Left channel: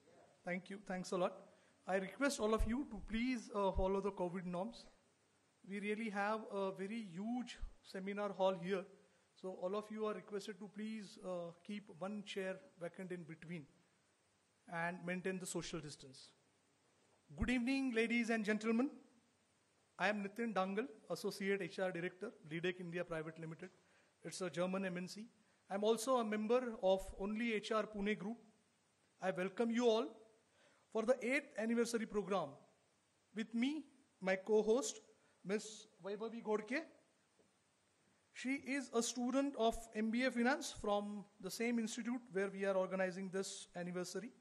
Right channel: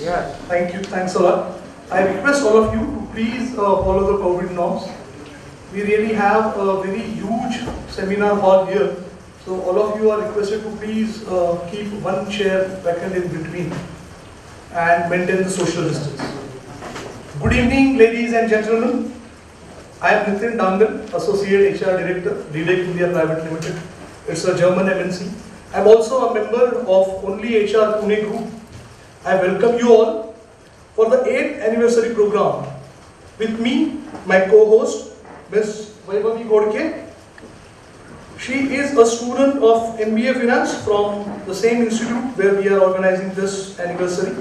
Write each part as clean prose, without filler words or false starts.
Yes. Thank you. Thanks a lot. I request all of you to please follow the COVID norms. We really have a very huge seminar hall here. So all of you are requested to please keep one chair vacant in between and maintain the social distance. Good evening, ladies and gentlemen. I am Nitin Daangal, Associate HR Director, Leadec India Private Limited. It's a German MNC. I am also a member of Only HR Pune Group. I welcome you all for the 8th anniversary program. With me, my co-host, Ms. Vaibhavi Ghodke. She is a student of MBA Finance from the same institute where we are organizing this anniversary.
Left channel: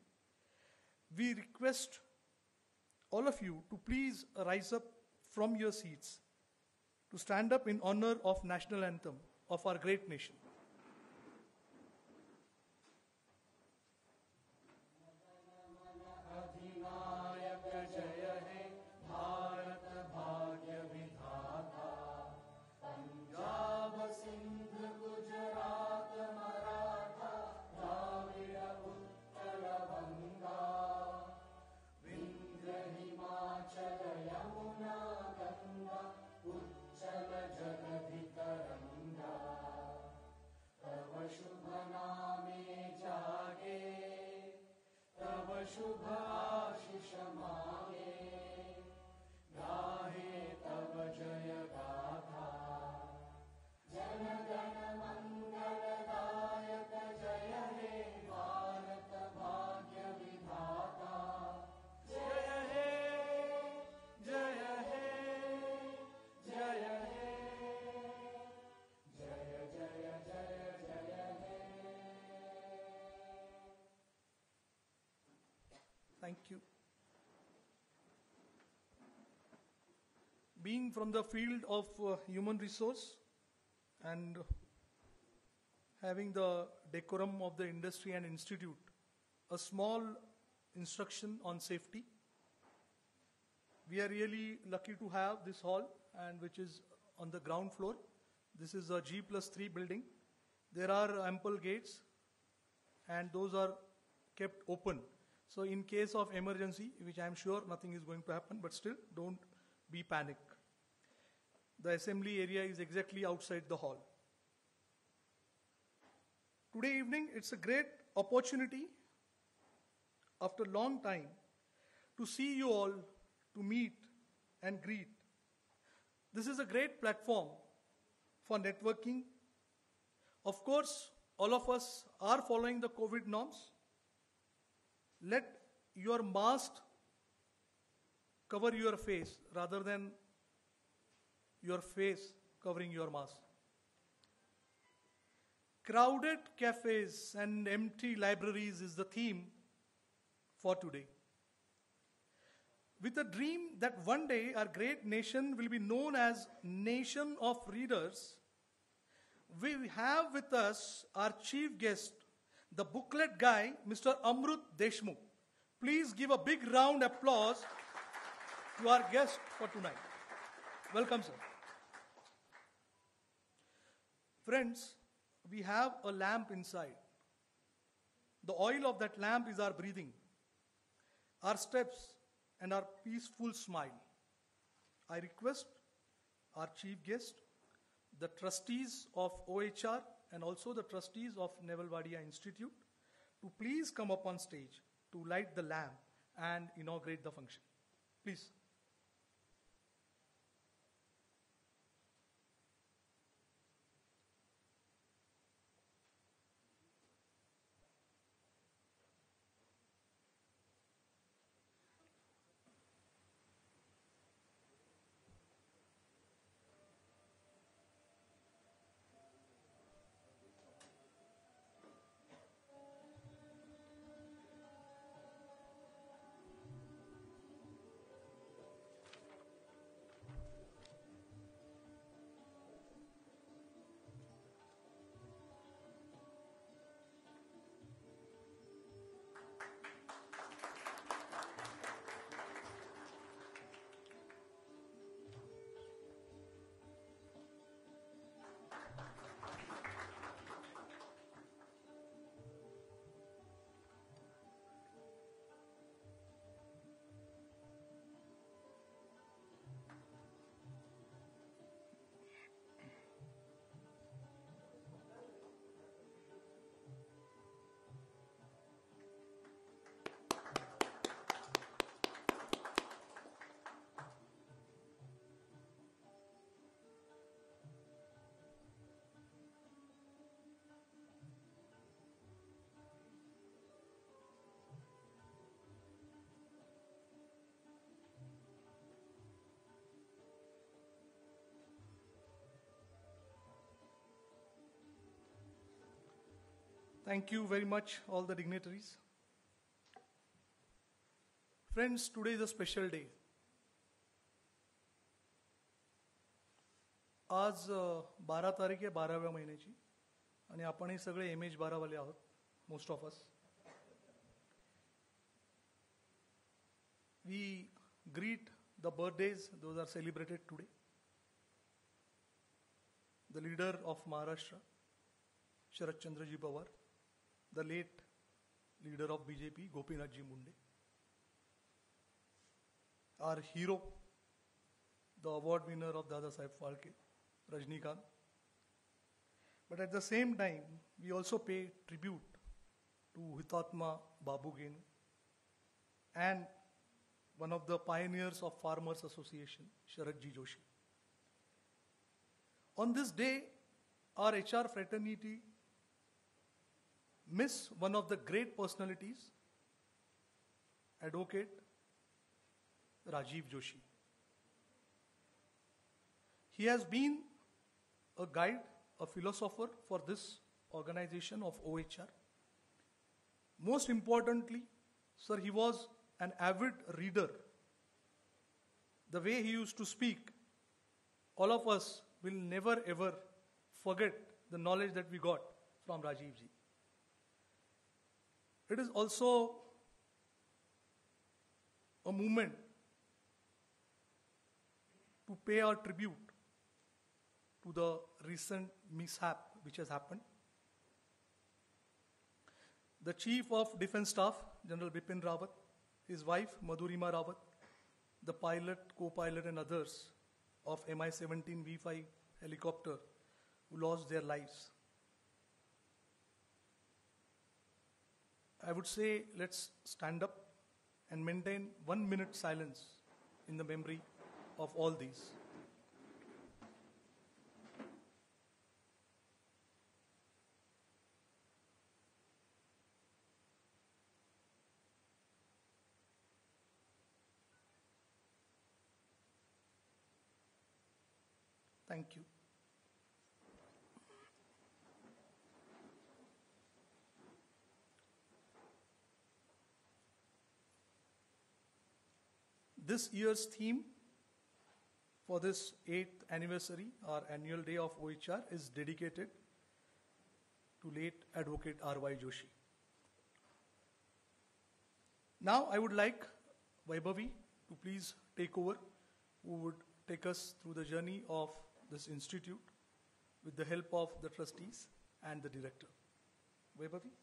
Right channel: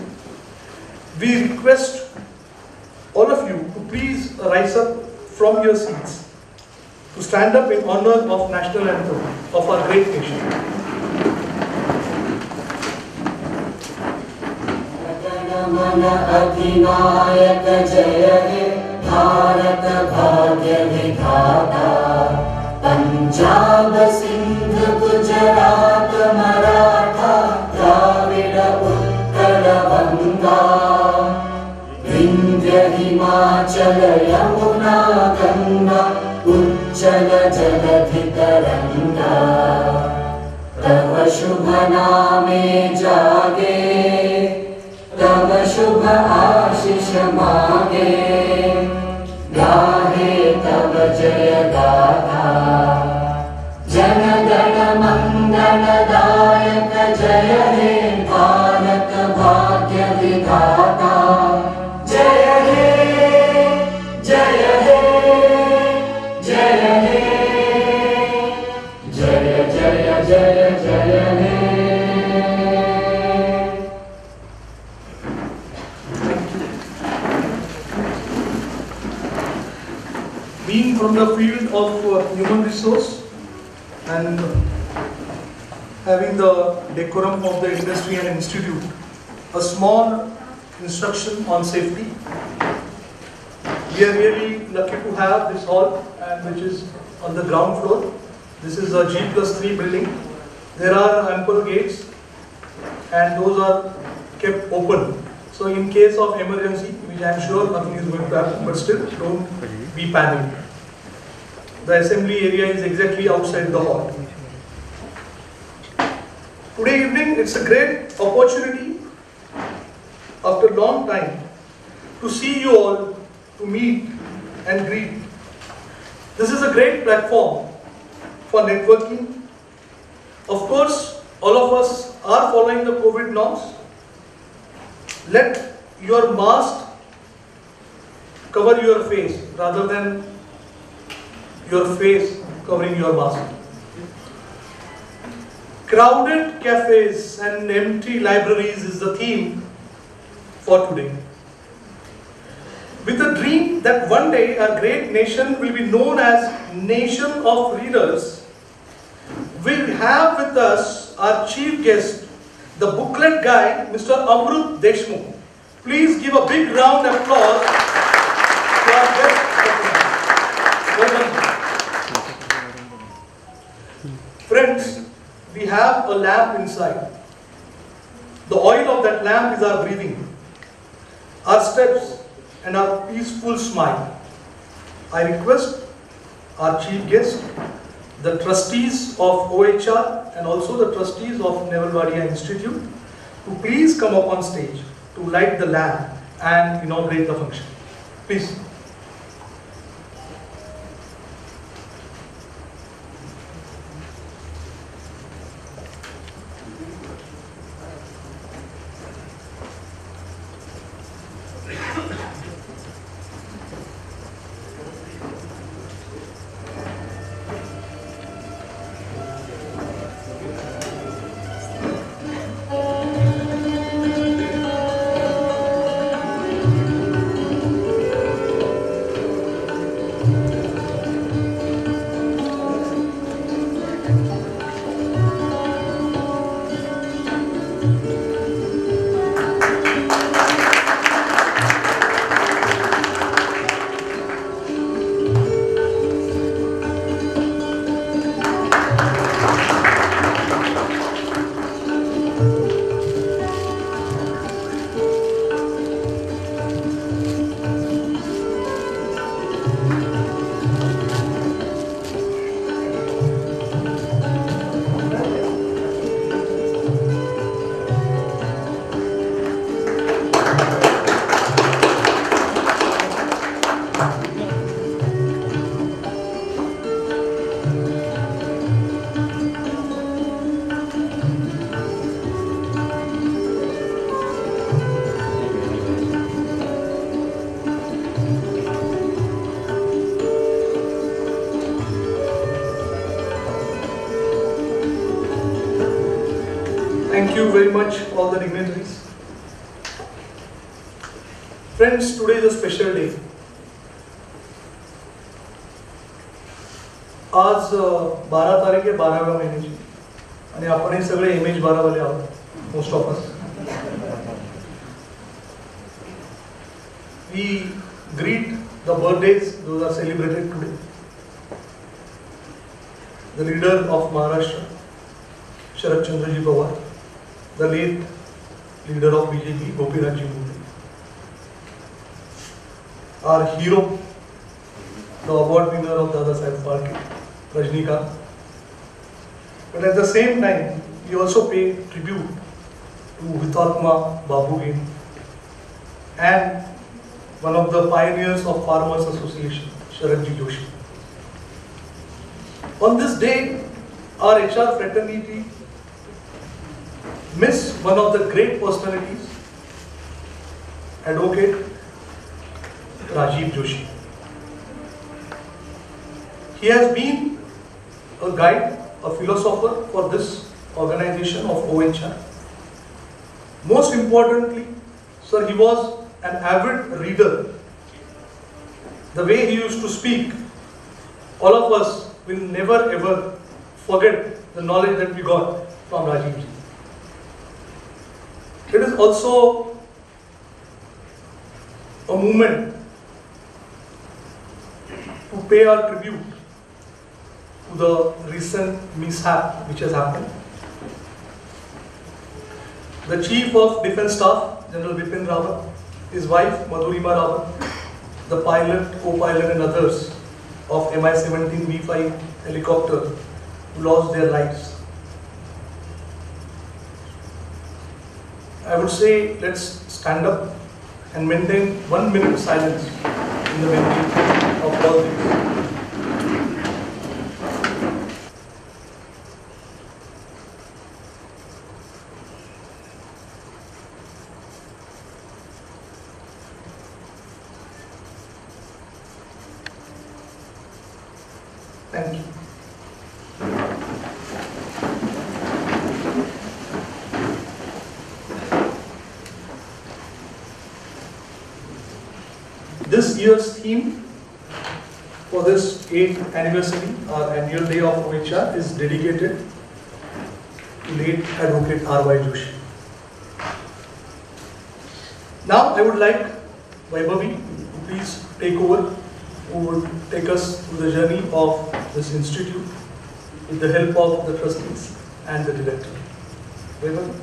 We request all of you to please rise up from your seats to stand up in honor of national anthem of our great nation. अधिनायक जय हे भारत भाग्य विधाता पंजाब सिंध गुजरात मराठा द्राविड़ उत्कल गंगा विंध्य हिमाचल यमुना गंगा उज्जल जलधि तरंगा तव शुभ नामे जागे तव शुभ आशीष मागे गाहे तव जय गाथा जन गण मंगल दायक जय हे भारत भाग्य विधाता जय हे जय हे जय हे जय जय जय जय हे Being from the field of human resource and having the decorum of the industry and institute, a small instruction on safety. We are really lucky to have this hall, and which is on the ground floor. This is a G+3 building. There are ample gates and those are kept open. So in case of emergency, which I am sure nothing is going to happen, but still don't be panicked. The assembly area is exactly outside the hall. Today evening, it's a great opportunity after a long time to see you all, to meet and greet. This is a great platform for networking. Of course, all of us are following the COVID norms. Let your mask cover your face rather than your face covering your mask. Crowded cafes and empty libraries is the theme for today. With the dream that one day our great nation will be known as Nation of Readers, we'll have with us our chief guest, the Booklet guy, Mr. Amrut Deshmukh. Please give a big round of applause to our guest. Friends, we have a lamp inside. The oil of that lamp is our breathing, our steps, and our peaceful smile. I request our chief guest, the trustees of OHR and also the trustees of Neville Wadia Institute to please come up on stage to light the lamp and inaugurate the function. Please. Thank you very much, all the dignitaries. Friends, today is a special day. आज 12 तारीख आहे 12व्या महिन्याची आणि आपण हे सगळे MH 12 वाले आहोत, most of us. We greet the birthdays, those are celebrated today. The leader of Maharashtra, Sharad Chandraji Pawar, the late leader of BJP, Gopinathji Murli. Our hero, the award winner of Dadasar party, Rajnikant. But at the same time, we also pay tribute to Hutatma Babugin and one of the pioneers of Farmers Association, Sharadji Joshi. On this day, our HR fraternity miss one of the great personalities, Advocate Joshi. He has been a guide, a philosopher for this organization of OHR. Most importantly, sir, he was an avid reader. The way he used to speak, all of us will never ever forget the knowledge that we got from Rajiv ji. It is also a moment to pay our tribute to the recent mishap which has happened. The Chief of Defence Staff, General Vipin Rawat, his wife Madhurima Rawat, the pilot, co-pilot and others of Mi-17 V5 helicopter who lost their lives. I would say let's stand up and maintain 1 minute silence in the memory of all these. Thank you. This year's theme for this 8th anniversary, our annual day of OHR, is dedicated to late Advocate R.Y. Joshi. Now I would like Vaibhavi to please take over, who would take us through the journey of this institute with the help of the trustees and the director. Vaibhavi.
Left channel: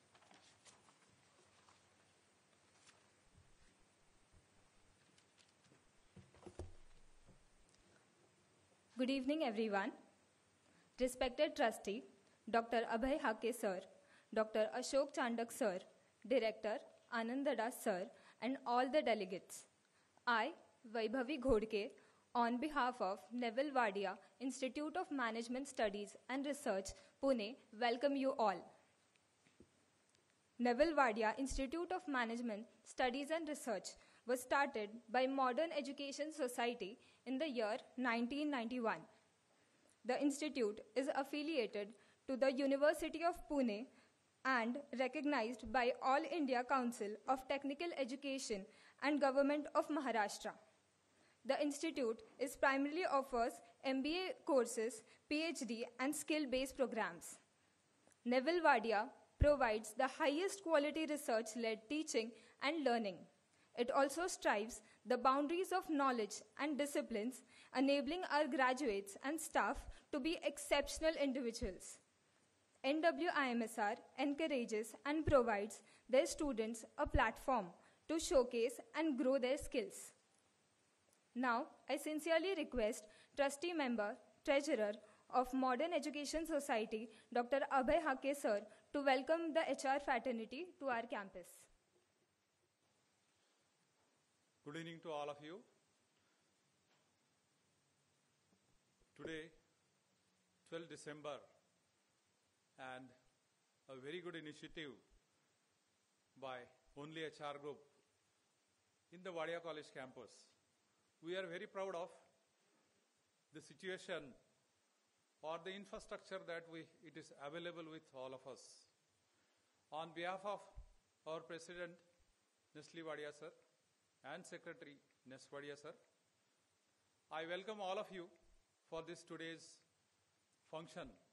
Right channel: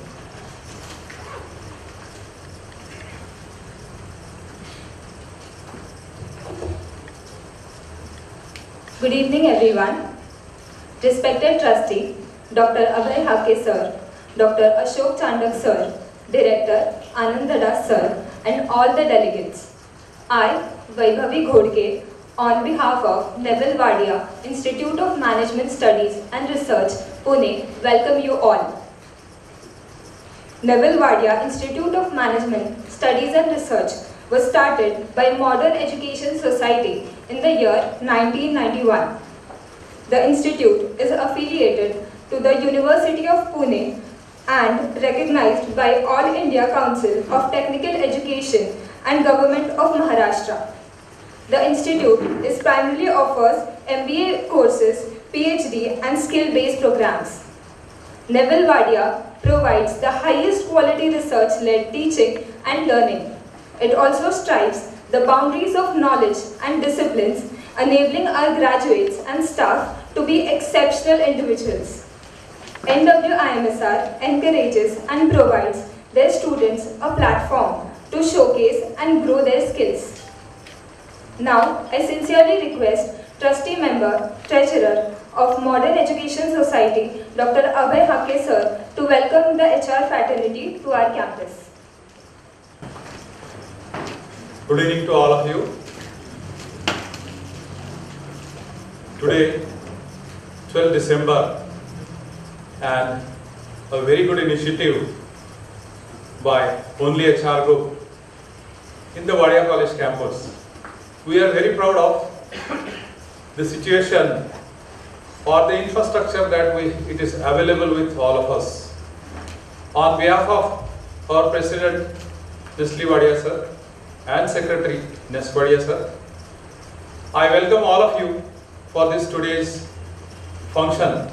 Good evening, everyone. Respected trustee, Dr. Abhay Hake sir, Dr. Ashok Chandak sir, Director Anand Dadasar, and all the delegates. I, Vaibhavi Ghodke, on behalf of Neville Wadia, Institute of Management Studies and Research, Pune, welcome you all. Neville Wadia Institute of Management Studies and Research was started by Modern Education Society in the year 1991. The institute is affiliated to the University of Pune and recognized by All India Council of Technical Education and Government of Maharashtra. The institute is primarily offers MBA courses, PhD and skill-based programs. Neville Wadia provides the highest quality research-led teaching and learning. It also strives the boundaries of knowledge and disciplines, enabling our graduates and staff to be exceptional individuals. NWIMSR encourages and provides their students a platform to showcase and grow their skills. Now, I sincerely request Trustee Member, Treasurer of Modern Education Society, Dr. Abhay Hake sir, to welcome the HR fraternity to our campus. Good evening to all of you. Today, 12 December, and a very good initiative by Only HR Group in the Vadiya College campus. We are very proud of the situation or the infrastructure that it is available with all of us. On behalf of our President, Neville Wadia sir, and Secretary, Vadiya sir, I welcome all of you for this today's function,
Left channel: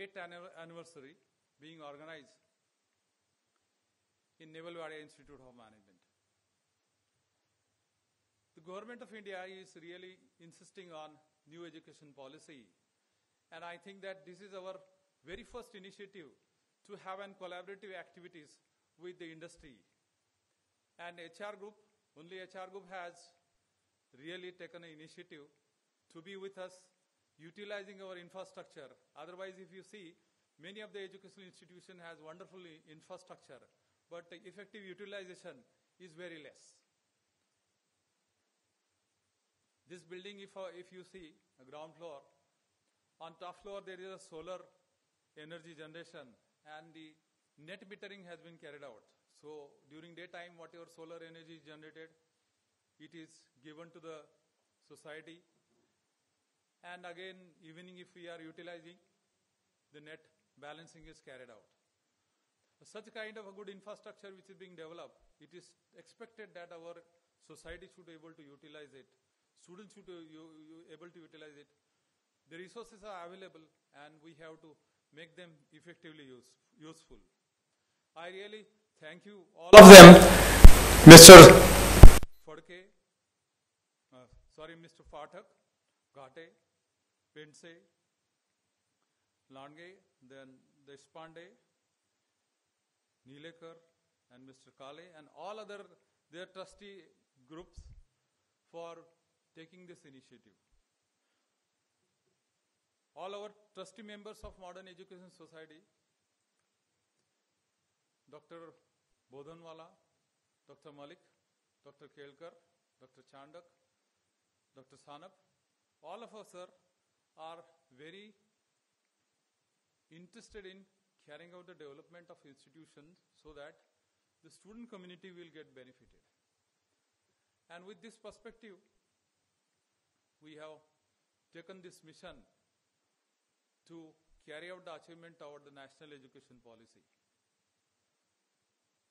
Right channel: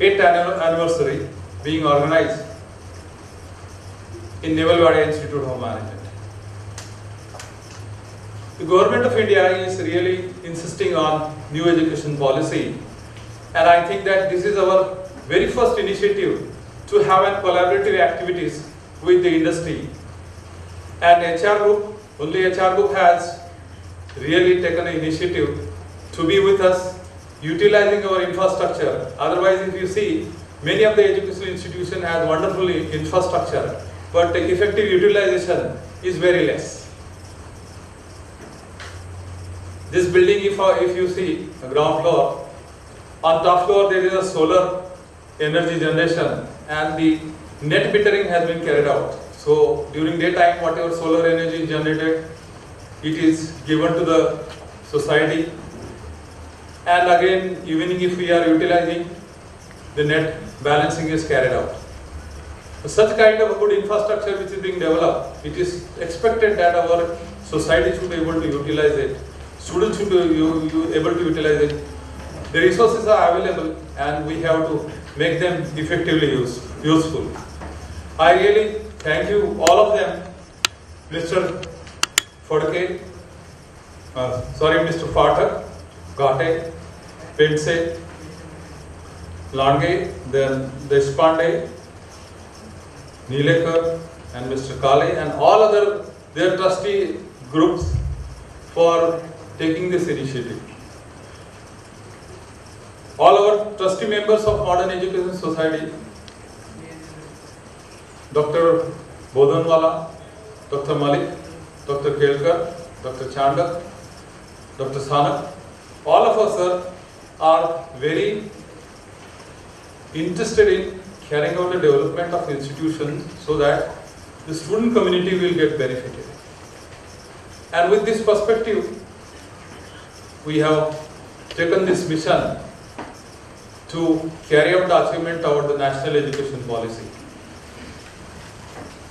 8th anniversary being organized in Neville Wadia Institute of Management. The Government of India is really insisting on new education policy, and I think that this is our very first initiative to have a collaborative activities with the industry. And HR Group, only HR Group has really taken an initiative to be with us, utilizing our infrastructure. Otherwise, if you see, many of the educational institutions have wonderful infrastructure, but the effective utilization is very less. This building, if you see, the ground floor, on top floor there is a solar energy generation and the net metering has been carried out. So during daytime, whatever solar energy is generated, it is given to the society. And again, evening if we are utilizing, the net balancing is carried out. Such kind of a good infrastructure which is being developed, it is expected that our society should be able to utilize it. Students should be able to utilize it. The resources are available and we have to make them effectively useful. I really thank you all of them, Mr. Ghodke, Mr. Pathak, Ghodke, Pense, Lange, then Deshpande, Leadec, and Mr. Kale, and all other their trustee groups for taking this initiative. All our trustee members of Modern Education Society, Dr. Bodhanwala, Dr. Malik, Dr. Kelkar, Dr. Chandak, Dr. Sanak, all of us are very interested in carrying out the development of institutions so that the student community will get benefited. And with this perspective, we have taken this mission to carry out the achievement toward the national education policy.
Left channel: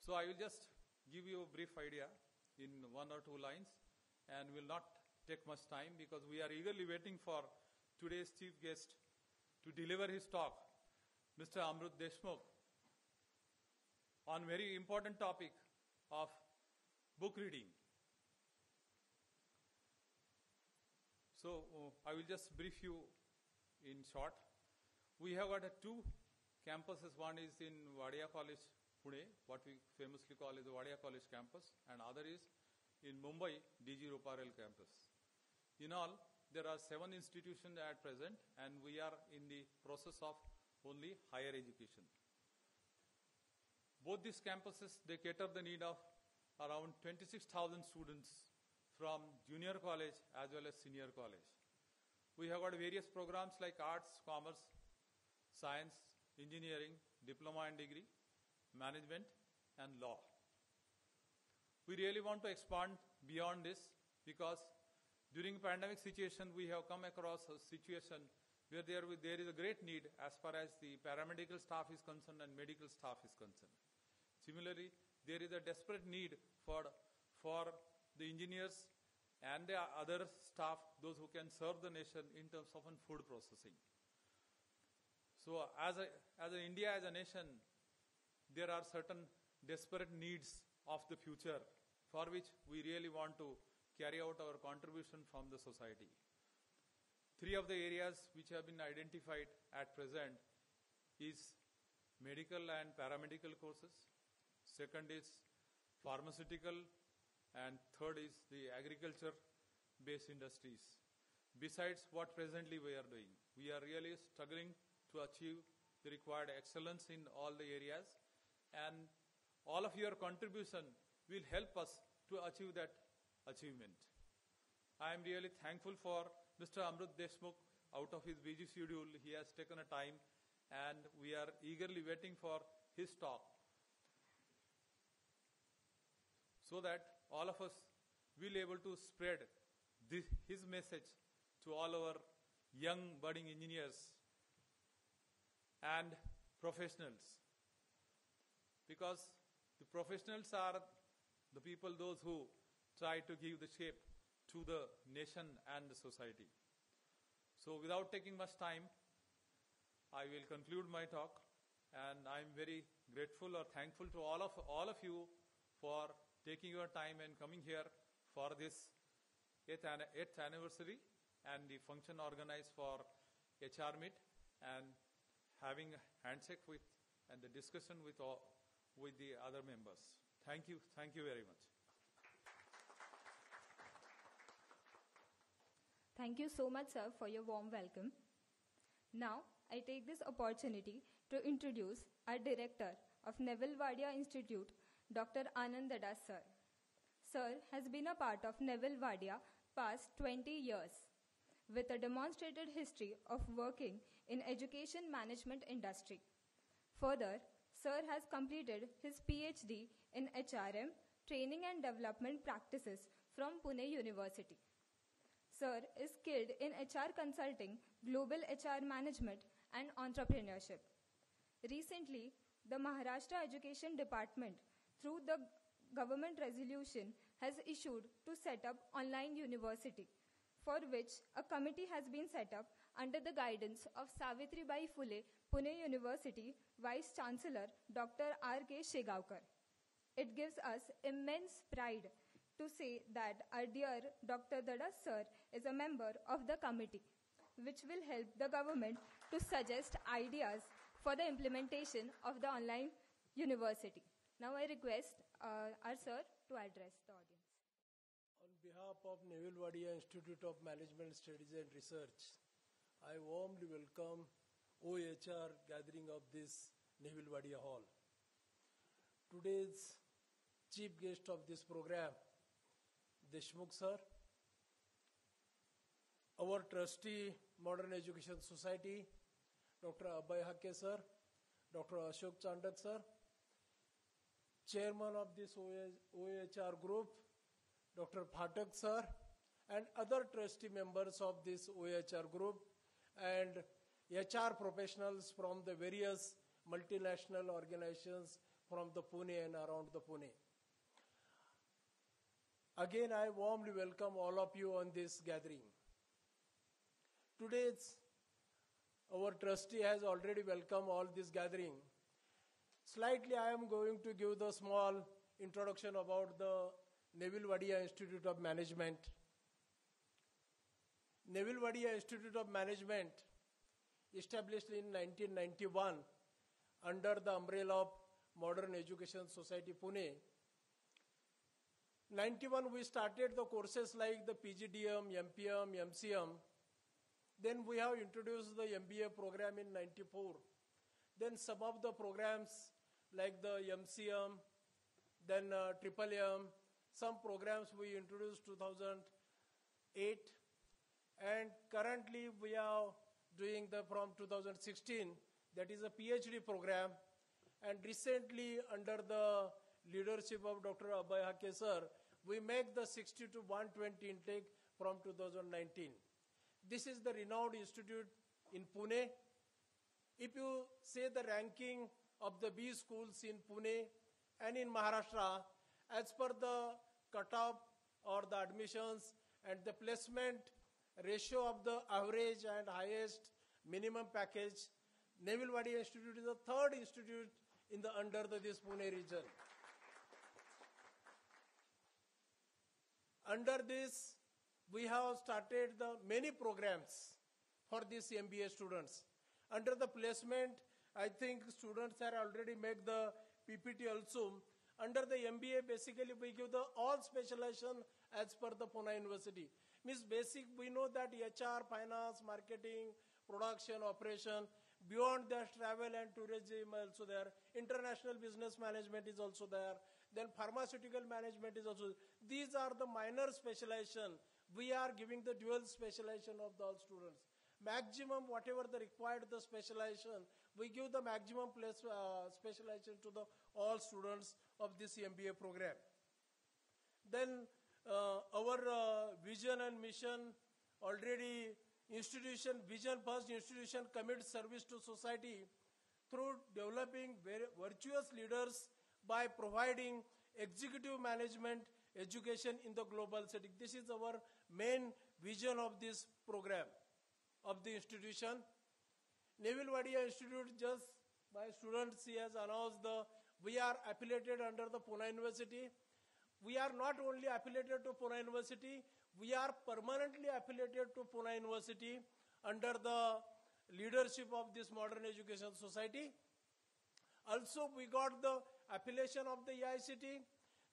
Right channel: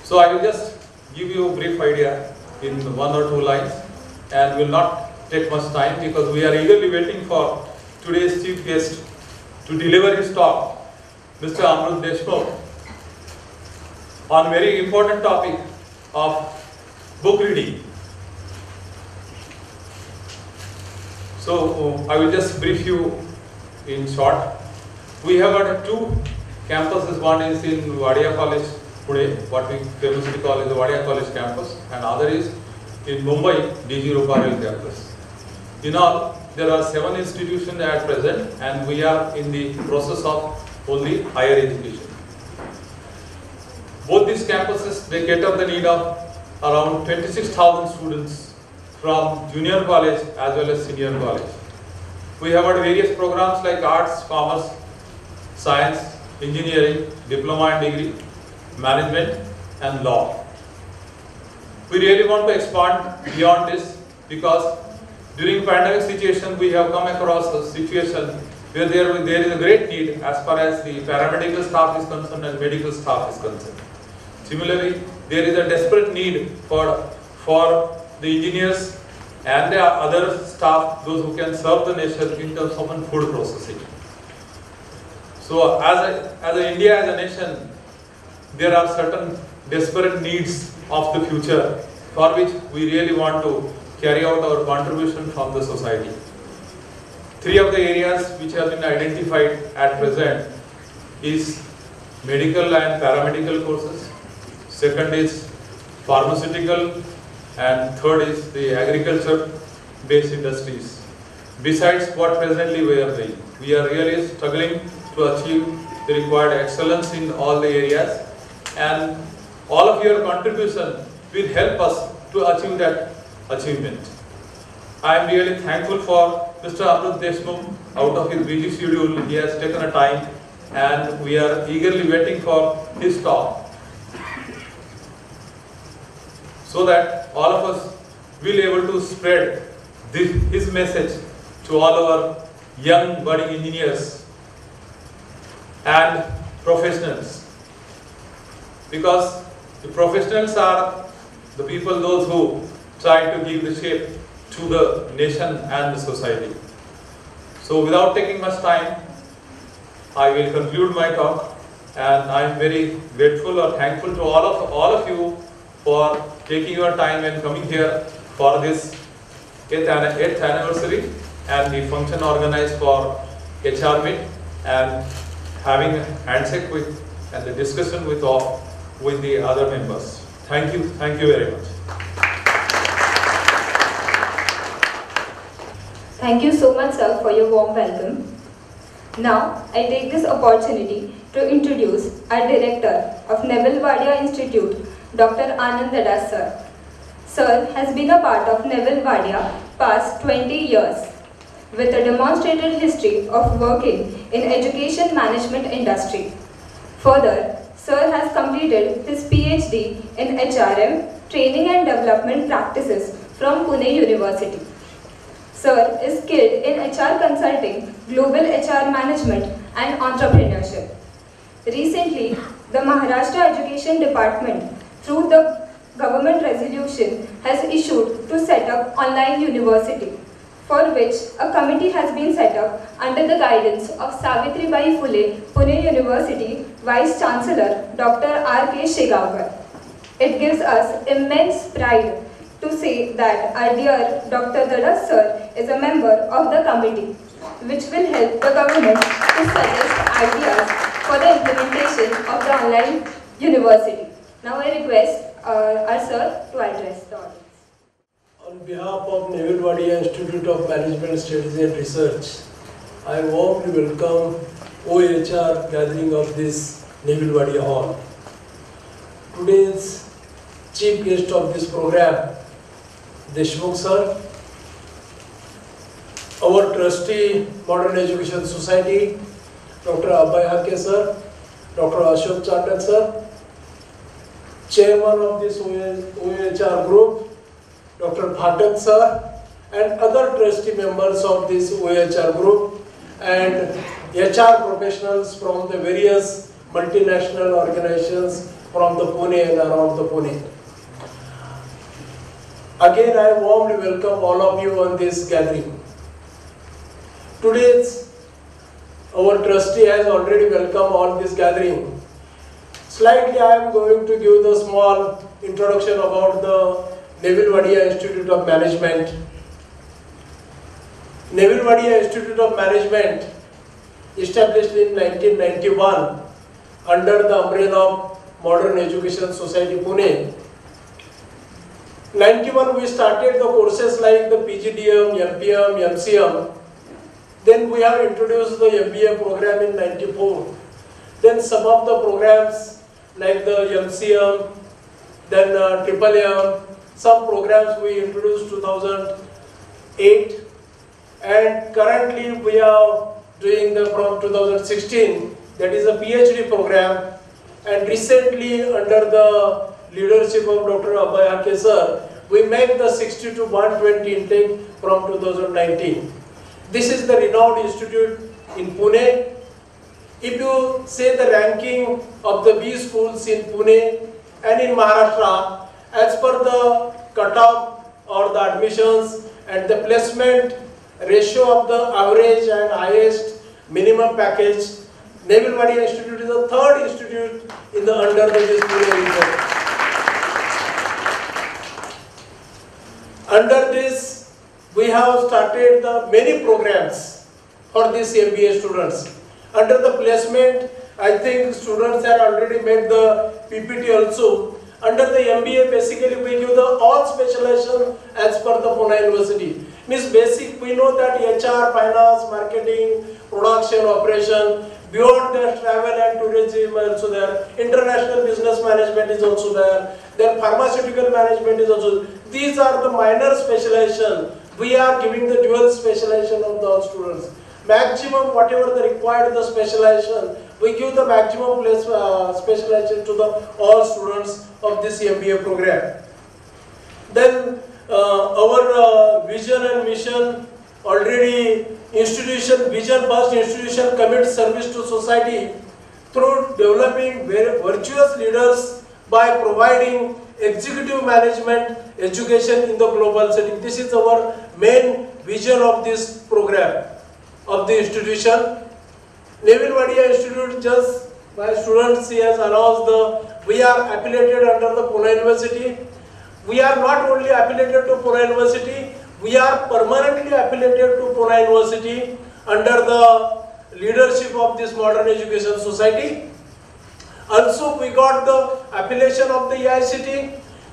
So I will just give you a brief idea in 1 or 2 lines and will not take much time because we are eagerly waiting for today's chief guest to deliver his talk, Mr. Amrut Deshmukh, on very important topic of book reading. So I will just brief you in short. We have got 2 campuses. One is in Vadiya College, Pune, what we famously call is the Vadiya College campus, and other is in Mumbai, DG Ruparel campus. In all, there are 7 institutions at present, and we are in the process of only higher education. Both these campuses, they cater the need of around 26,000 students from junior college as well as senior college. We have got various programs like arts, commerce, science, engineering, diploma and degree, management and law. We really want to expand beyond this because during pandemic situation we have come across a situation where there is a great need as far as the paramedical staff is concerned and medical staff is concerned. Similarly, there is a desperate need for the engineers and the other staff, those who can serve the nation in terms of food processing. So as India as a nation, there are certain desperate needs of the future for which we really want to carry out our contribution from the society. 3 of the areas which have been identified at present is medical and paramedical courses, second is pharmaceutical, and third is the agriculture based industries. Besides what presently we are doing, we are really struggling to achieve the required excellence in all the areas, and all of your contribution will help us to achieve that achievement. I am really thankful for Mr. Amrut Deshmukh. Out of his busy schedule, he has taken a time and we are eagerly waiting for his talk, so that all of us will be able to spread his message to all our young budding engineers and professionals because the professionals are the people, those who try to give the shape to the nation and the society. So without taking much time, I will conclude my talk, and I am very grateful or thankful to all of you for taking your time and coming here for this 8th anniversary and the function organized for HR Meet and having a handshake with and the discussion with the other members. Thank you very much. Thank you so much, sir, for your warm welcome. Now, I take this opportunity to introduce our Director of Neville Wadia Institute, Dr. Anand Dadasar. Sir has been a part of Neville Wadia past 20 years with a demonstrated history of working in education management industry. Further, Sir has completed his PhD in HRM, Training and Development Practices from Pune University. Sir is skilled in HR consulting, global HR management and entrepreneurship. Recently, the Maharashtra Education Department, through the government resolution, has issued to set up online university, for which a committee has been set up under the guidance of Savitribai Phule, Pune University Vice Chancellor Dr. R.K. Shegavkar. It gives us immense pride to say that our dear Dr. Dadasar is a member of the committee, which will help the government to suggest ideas for the implementation of the online university. Now I request our sir to address the audience. On behalf of Neville Wadia Institute of Management Studies and Research, I warmly welcome OHR gathering of this Neville Wadia Hall. Today's chief guest of this program, Deshmukh sir, our trustee, Modern Education Society, Dr. Abhay sir, Dr. Ashok Chandak sir, chairman of this OHR group, Dr. Bhatak sir, and other trustee members of this OHR group, and HR professionals from the various multinational organizations from the Pune and around the Pune. Again, I warmly welcome all of you on this gathering. Today's our trustee has already welcomed all this gathering. Slightly, I am going to give the small introduction about the Neville Wadia Institute of Management. Neville Wadia Institute of Management, established in 1991 under the umbrella of Modern Education Society, Pune. 91 we started the courses like the PGDM, MPM, MCM. Then we have introduced the MBA program in 94. Then some of the programs like the MCM, then Triple M, some programs we introduced 2008, and currently we are doing them from 2016, that is a PhD program, and recently under the leadership of Dr. Abhay sir, we make the 60 to 120 intake from 2019. This is the renowned institute in Pune. If you say the ranking of the B schools in Pune and in Maharashtra, as per the cutoff or the admissions and the placement ratio of the average and highest minimum package, Neville Wadia Institute is the third institute in the under this Pune region. Under this, we have started the many programs for these MBA students. Under the placement, I think students have already made the PPT also. Under the MBA, basically we give the all specialization as per the Pune University. Means basic, we know that HR, finance, marketing, production, operation, beyond that travel and tourism also there. International business management is also there. Then pharmaceutical management is also there. These are the minor specialization. We are giving the dual specialization of the all students. Maximum, whatever the required the specialization, we give the maximum specialization to the all students of this MBA program. Then our vision and mission, already institution, vision first institution commits service to society. through developing virtuous leaders by providing executive management education in the global setting. This is our main vision of this program of the institution. Neville Wadia Institute, just my students he has announced we are affiliated under the Pune University. We are not only affiliated to Pune University, we are permanently affiliated to Pune University under the leadership of this Modern Education Society. Also, we got the affiliation of the EICT.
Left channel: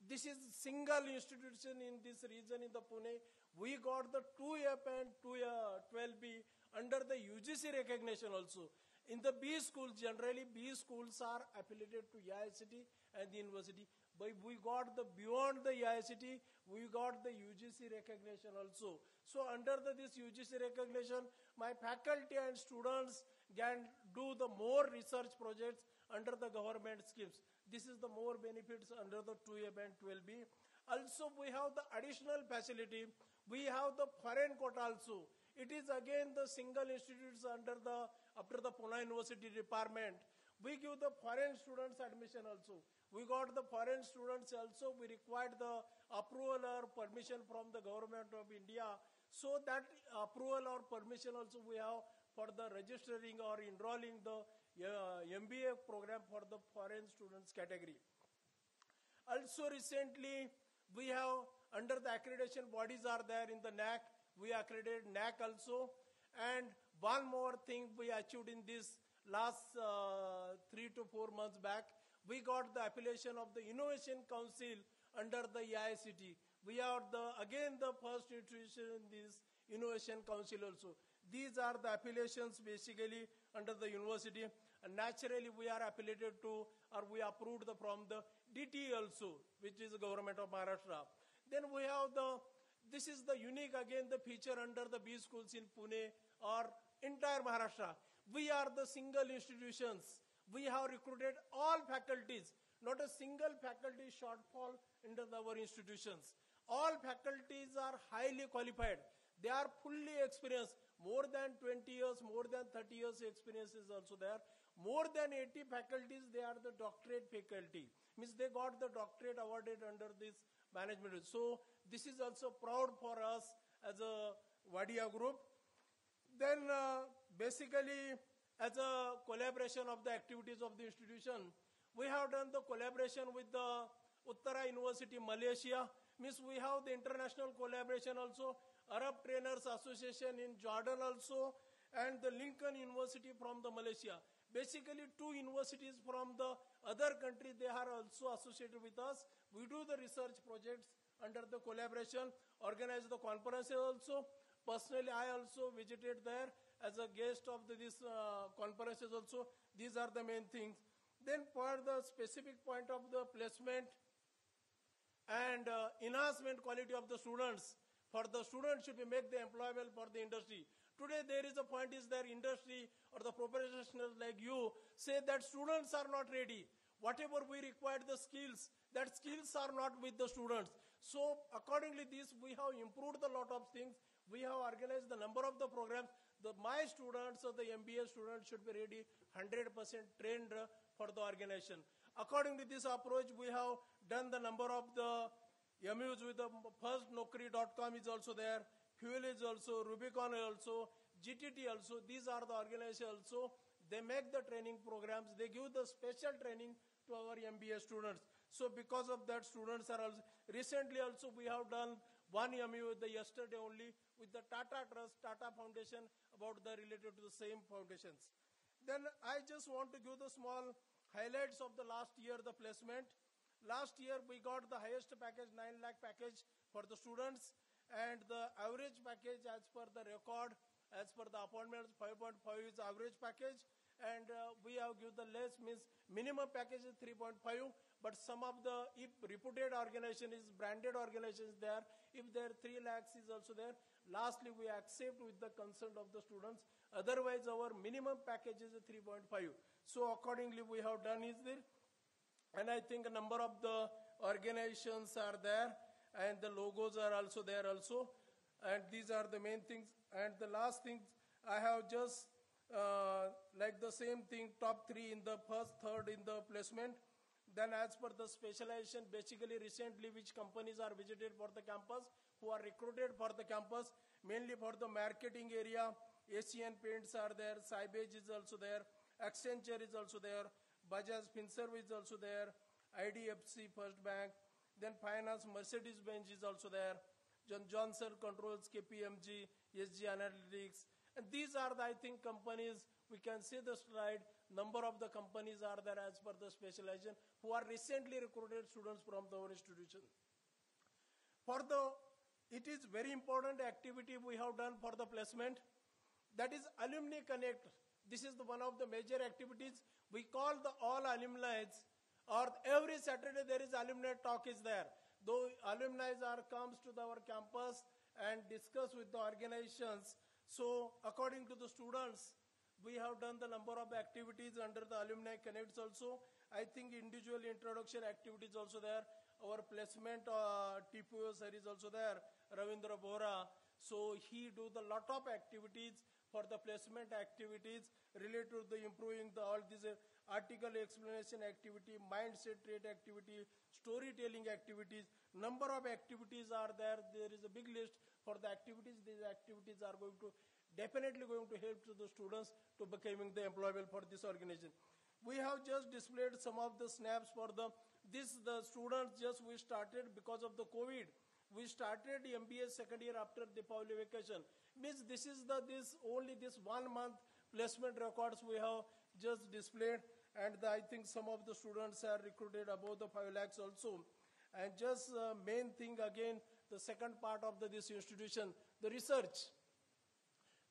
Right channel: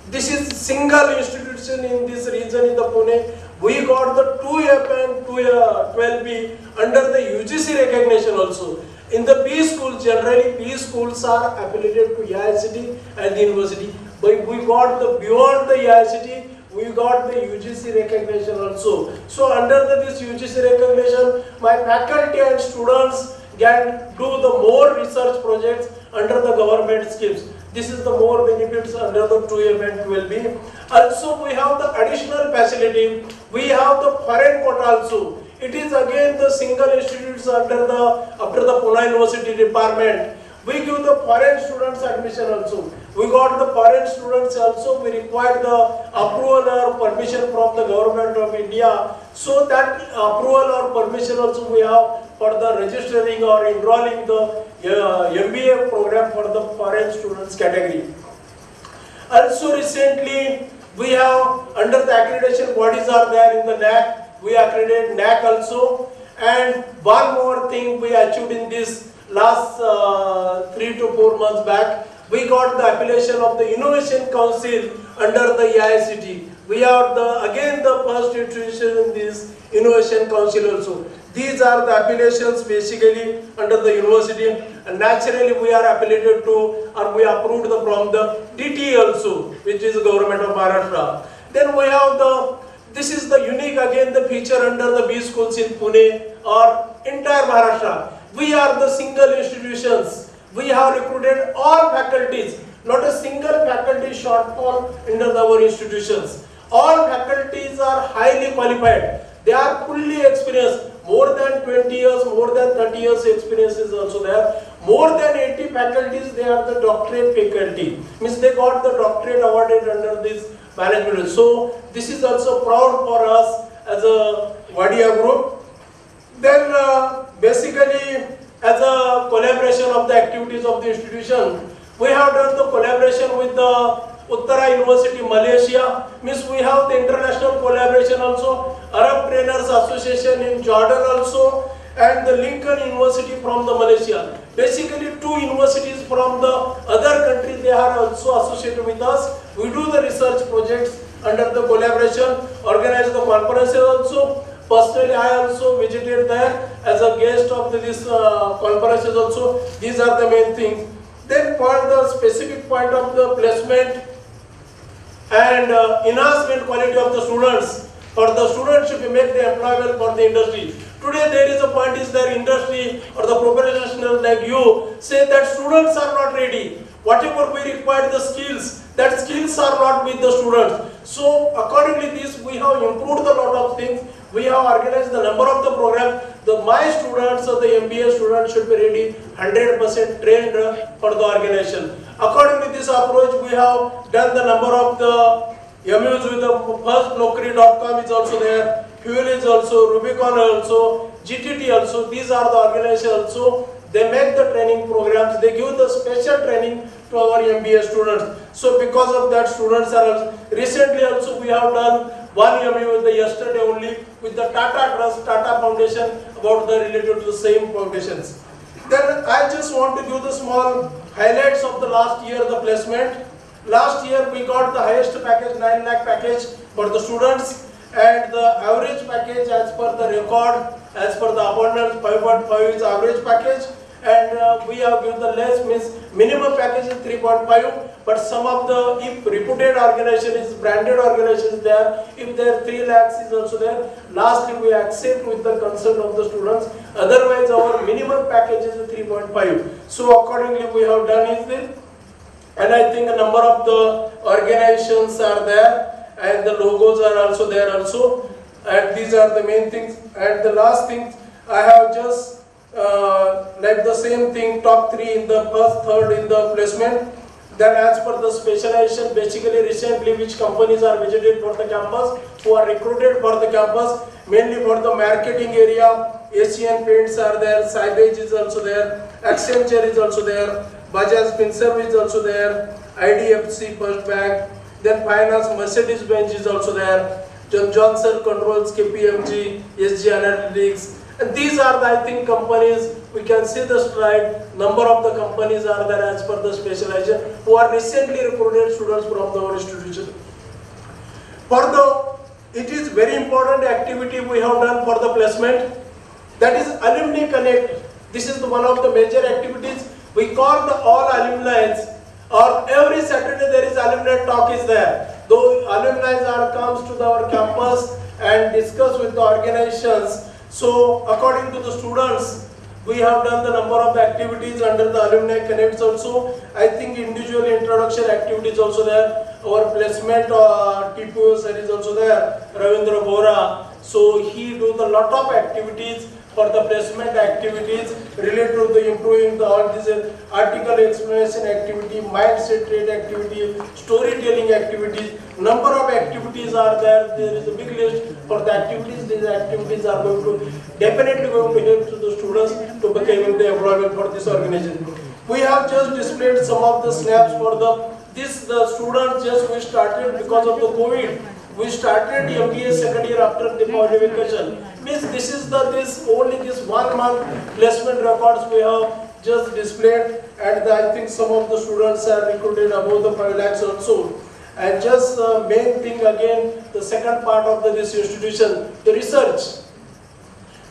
This is single institution in this region in the Pune. We got the 2F and 12B under the UGC recognition also. In the B schools, generally B schools are affiliated to EICT and the university. But we got the beyond the EICT, we got the UGC recognition also. So under this UGC recognition, my faculty and students can do the more research projects under the government schemes. This is the more benefits under the 2M and 12B. Also, we have the additional facility. We have the foreign quota also. It is again the single institutes under after the Pune University department. We give the foreign students admission also. We got the foreign students also. We require the approval or permission from the government of India. So that approval or permission also we have for the registering or enrolling the MBA program for the foreign students category. Also recently we have under the accreditation bodies are there in the NAC. We accredit NAC also. And one more thing we achieved in this last 3 to 4 months back, we got the affiliation of the Innovation Council under the EICT. We are again the first institution in this Innovation Council also. These are the affiliations basically under the university, and naturally we are affiliated to or we approved from the DT also, which is the government of Maharashtra. Then we have this is the unique again the feature under the B schools in Pune or entire Maharashtra. We are the single institutions. We have recruited all faculties, not a single faculty shortfall under our institutions. All faculties are highly qualified. They are fully experienced. More than 20 years, more than 30 years experience is also there. More than 80 faculties, they are the doctorate faculty. Means they got the doctorate awarded under this management. So this is also proud for us as a Vadiya group. Then basically as a collaboration of the activities of the institution, we have done the collaboration with the Uttara University, Malaysia. Means we have the international collaboration also. Arab Trainers Association in Jordan also, and the Lincoln University from the Malaysia. Basically 2 universities from the other countries, they are also associated with us. We do the research projects under the collaboration, organize the conferences also. Personally, I also visited there as a guest of this conferences also. These are the main things. Then for the specific point of the placement and enhancement quality of the students, for the students should make the employable for the industry. Today there is a point is there industry or the professionals like you say that students are not ready. Whatever we require the skills, that skills are not with the students. So accordingly this we have improved a lot of things. We have organized the number of the programs. My students or the MBA students should be ready 100% trained for the organization. According to this approach, we have done the number of the MUs with the first Naukri.com is also there, Fuel is also, Rubicon also, GTT also. These are the organizations also. They make the training programs. They give the special training to our MBA students. So because of that, students are also, recently also we have done one MU with the yesterday only with the Tata Trust, Tata Foundation about the related to the same foundations. Then I just want to give the small highlights of the last year, the placement. Last year we got the highest package, 9 lakh package for the students, and the average package as per the record, as per the abundance, 5.5 is average package, and we have given the less, means minimum package is 3.5, but some of the, if reputed organization is branded organization there, if their 3 lakhs is also there, lastly we accept with the consent of the students, otherwise our minimum package is 3.5. So accordingly we have done is this. And I think a number of the organizations are there and the logos are also there also, and these are the main things. And the last thing, I have just like the same thing, top 3 in the first, third in the placement. Then as per the specialization, basically recently which companies are visited for the campus, who are recruited for the campus, mainly for the marketing area. Asian Paints are there, Sybage is also there, Accenture is also there, Bajaj Finserv is also there, IDFC First Bank, then Finance Mercedes-Benz is also there, Johnson Controls, KPMG, SG Analytics. And these are the, I think, companies, we can see the stride, number of the companies are there as per the specialization, who are recently recruited students from our institution. It is very important activity we have done for the placement, that is Alumni Connect. This is one of the major activities. We call the all alumni, or every Saturday there is alumni talk is there. Though alumni comes to our campus and discuss with the organizations. So according to the students, we have done the number of activities under the Alumni Connects also. I think individual introduction activities also there. Our placement TPO sir is also there, Ravindra Bora. So he do the lot of activities for the placement activities related to the improving the all these article explanation activity, mindset trait activity, storytelling activities. Number of activities are there. There is a big list for the activities. These activities are definitely going to help to the students to become the employment for this organization. We have just displayed some of the snaps for the students. Just we started because of the COVID. We started MBA second year after the holiday vacation. Means this is only this 1 month placement records we have just displayed, and I think some of the students are recruited above the 5 lakhs also. And just main thing again, the second part of this institution, the research.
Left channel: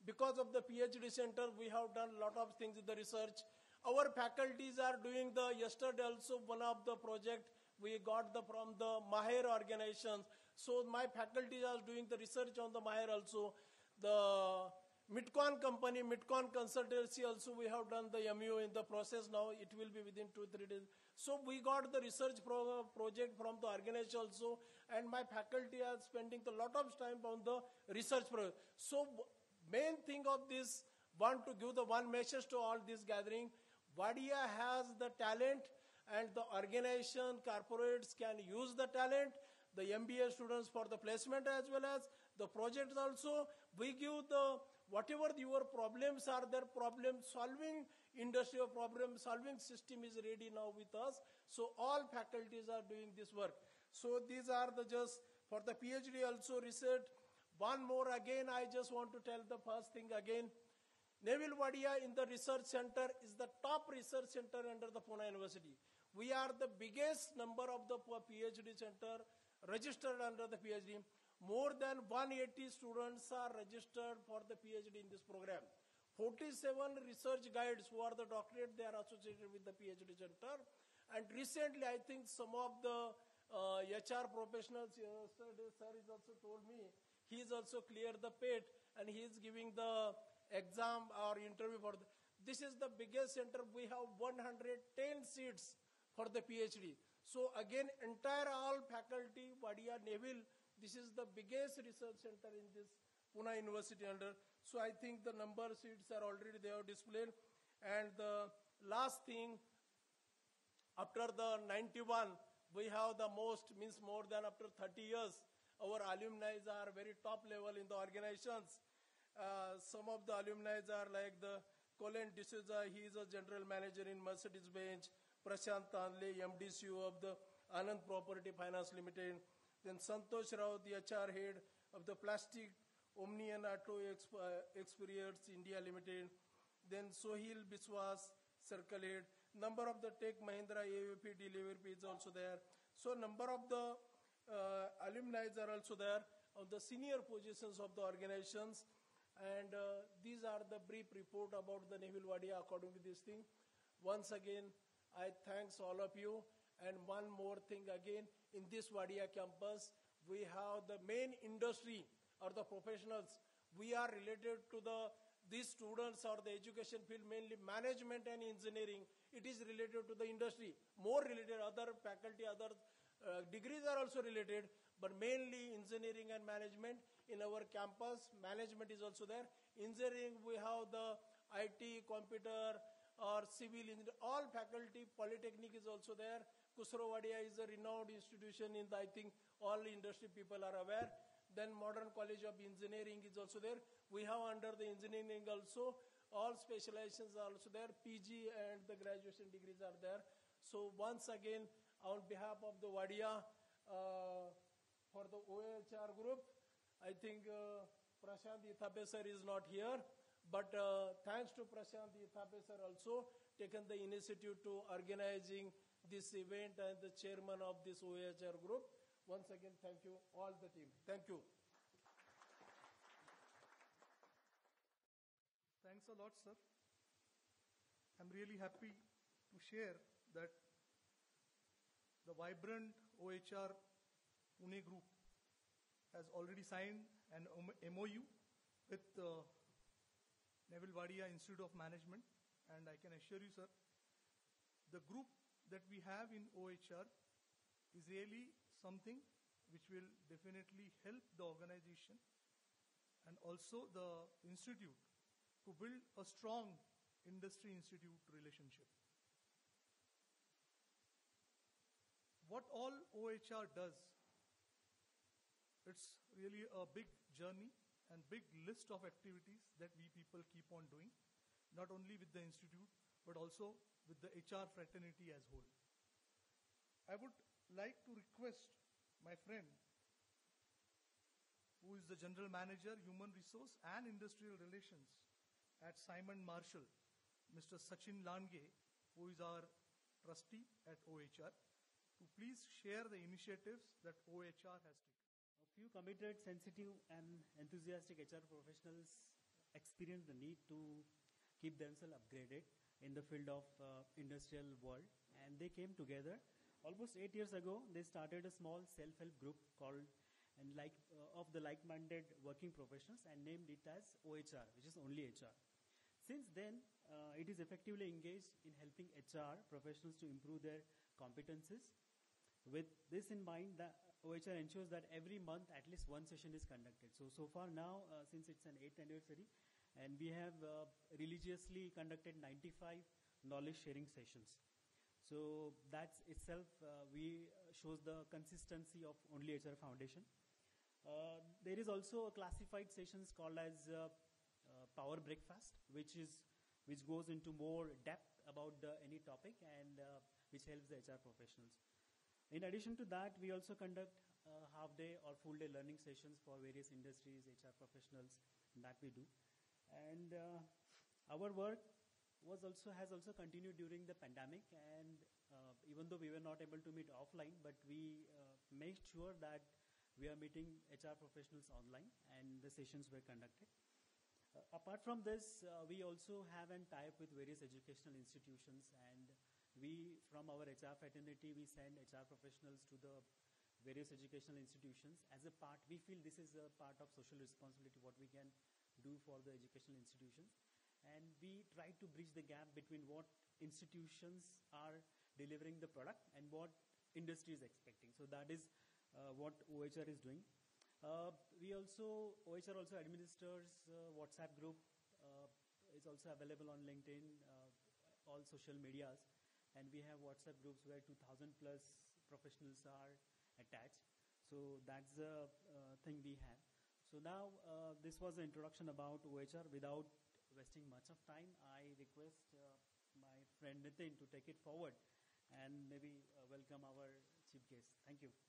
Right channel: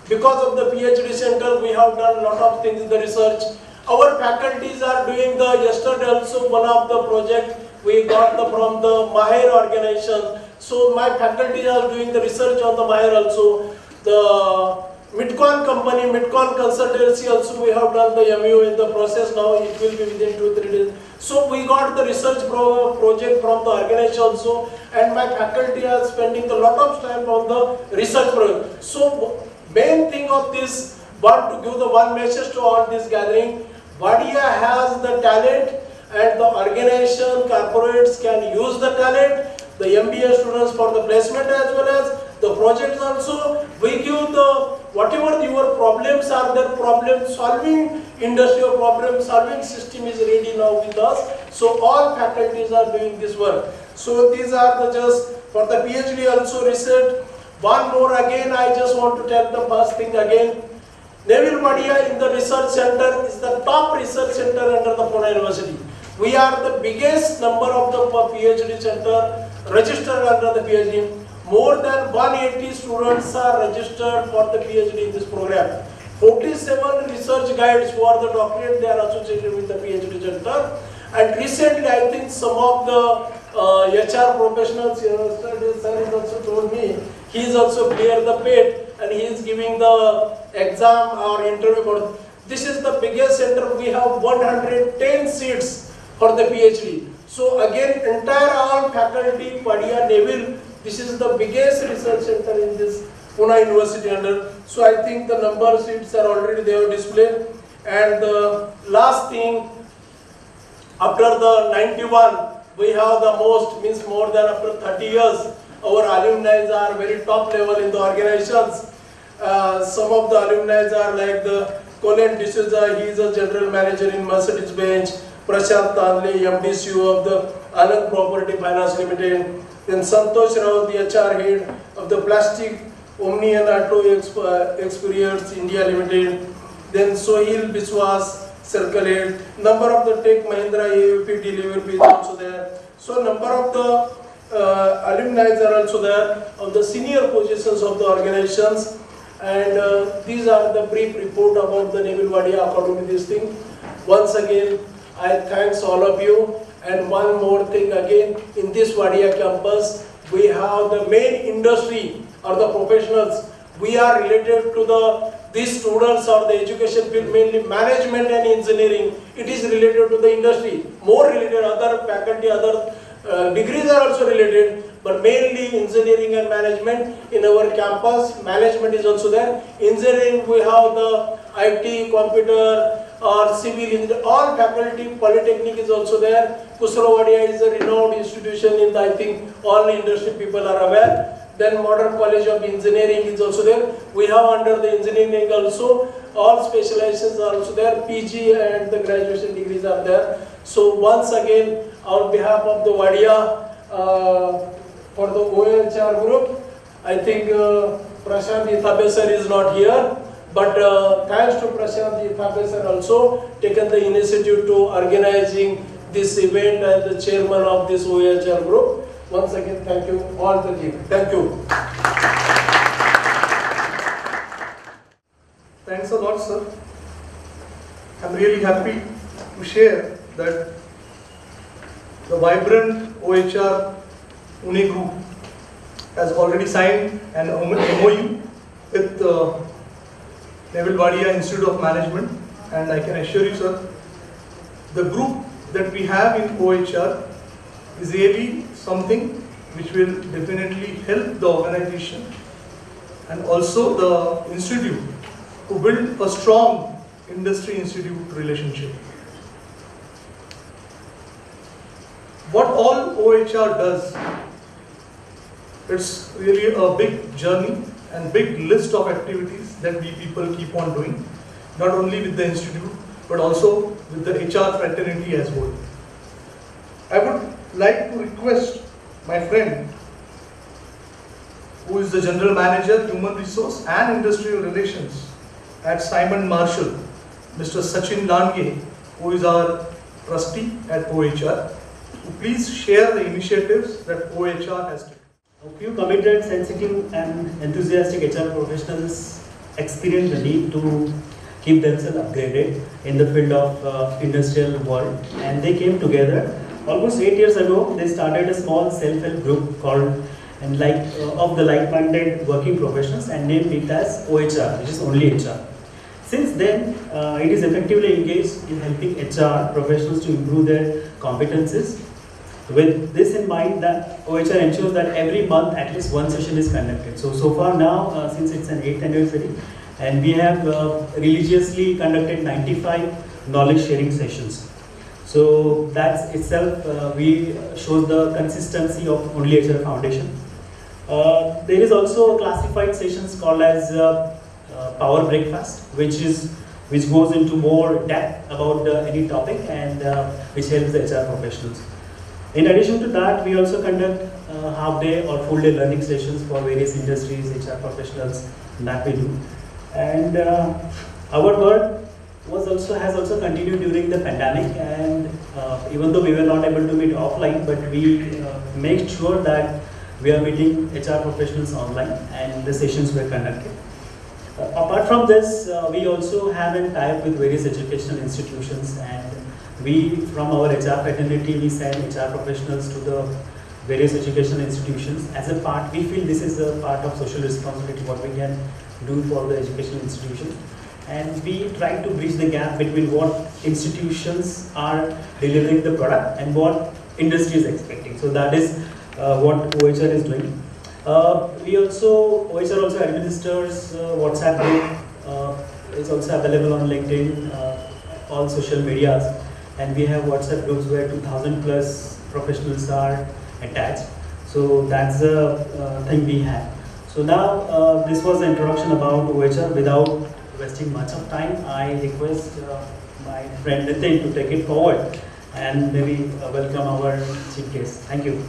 Because of the PhD center, we have done a lot of things in the research. Our faculties are doing yesterday also one of the project we got from the Mahir organization. So my faculty are doing the research on the Mahir also. The Midcon company, Midcon consultancy also we have done the MU in the process now. It will be within 2-3 days. So we got the research project from the organization also, and my faculty are spending a lot of time on the research project. So main thing of this, want to give the one message to all this gathering. Vadiya has the talent, and the organization, corporates can use the talent. The MBA students for the placement as well as the projects also. We give the whatever your problems are, their problem solving industry or problem solving system is ready now with us. So all faculties are doing this work. So these are just for the PhD also research. One more again, I just want to tell the first thing again. Neville Wadia in the research center is the top research center under the Pune University. We are the biggest number of the PhD center registered under the PhD. More than 180 students are registered for the PhD in this program. 47 research guides who are the doctorate, they are associated with the PhD center. And recently, I think some of the HR professionals, sir has also told me, he is also cleared the PET and he is giving the exam or interview. This is the biggest center. We have 110 seats for the PhD. So again, entire all faculty, Vadiya, Neville, this is the biggest research center in this Pune University under. So I think the number of seats are already there displayed. And the last thing, after the 91, we have the most, means more than after 30 years, our alumni are very top level in the organizations. Some of the alumni are like the Colin D'Souza, he is a general manager in Mercedes-Benz. Prashant Tanle, MD CEO of the Anand Property Finance Limited. Then Santosh Rao, the HR head of the Plastic Omni and Auto Experience India Limited. Then Sohil Biswas, Circle Head. Number of the Tech Mahindra AVP delivery is also there. So number of the alumni are also there on the senior positions of the organizations. And these are the brief report about the Neville Wadia according to this thing. Once again, I thanks all of you. And one more thing again, in this Vadiya campus, we have the main industry or the professionals. We are related to these students or the education field, mainly management and engineering. It is related to the industry. More related, other faculty, other degrees are also related. But but mainly engineering and management in our campus. Management is also there. Engineering, we have the IT, computer, or civil engineer, all faculty. Polytechnic is also there. Vaibhavi is a renowned institution in the, I think all industry people are aware. Then Modern College of Engineering is also there. We have under the engineering also, all specializations are also there. PG and the graduation degrees are there. So once again, on behalf of the Vadiya, for the OHR group, I think Prashant Ithabesar is not here. But thanks to Prashant Ithabesar also taken the initiative to organizing this event and the chairman of this OHR group. Once again, thank you all the team. Thank you. Thanks a lot, sir. I'm really happy to share that the vibrant OHR Pune group has already signed an MOU with Neville Wadia Institute of Management, and I can assure you, sir, the group that we have in OHR is really something which will definitely help the organization and also the institute to build a strong industry-institute relationship. What all OHR does, it's really a big journey and big list of activities that we people keep on doing, not only with the institute, but also with the HR fraternity as well. I would like to request my friend, who is the General Manager, Human Resource and Industrial Relations at Simon Marshall, Mr. Sachin Lange, who is our trustee at OHR, to please share the initiatives that OHR has taken. A few committed, sensitive and enthusiastic HR professionals experience the need to keep themselves upgraded in the field of industrial world, and they came together. Almost 8 years ago, they started a small self-help group called of the like-minded working professionals and named it as OHR, which is only HR. Since then, it is effectively engaged in helping HR professionals to improve their competencies. With this in mind, that OHR ensures that every month at least one session is conducted. So far now, since it's an 8th anniversary, and we have religiously conducted 95 knowledge sharing sessions. So that's itself shows the consistency of only HR Foundation. There is also classified sessions called as Power Breakfast, which goes into more depth about any topic and which helps the HR professionals. In addition to that, we also conduct half-day or full-day learning sessions for various industries, HR professionals that we do. And our work has also continued during the pandemic, and even though we were not able to meet offline, but we make sure that we are meeting HR professionals online and the sessions were conducted. Apart from this, we also have a tie-up with various educational institutions, and we, from our HR fraternity, we send HR professionals to the various educational institutions. As a part, we feel this is a part of social responsibility, what we can do for the educational institutions. And we try to bridge the gap between what institutions are delivering the product and what industry is expecting. So that is what OHR is doing. OHR also administers WhatsApp group. It's also available on LinkedIn, all social medias. And we have WhatsApp groups where 2,000 plus professionals are attached. So that's the thing we have. So now this was the introduction about OHR. Without wasting much of time, I request my friend Nitin to take it forward and maybe welcome our chief guest. Thank you.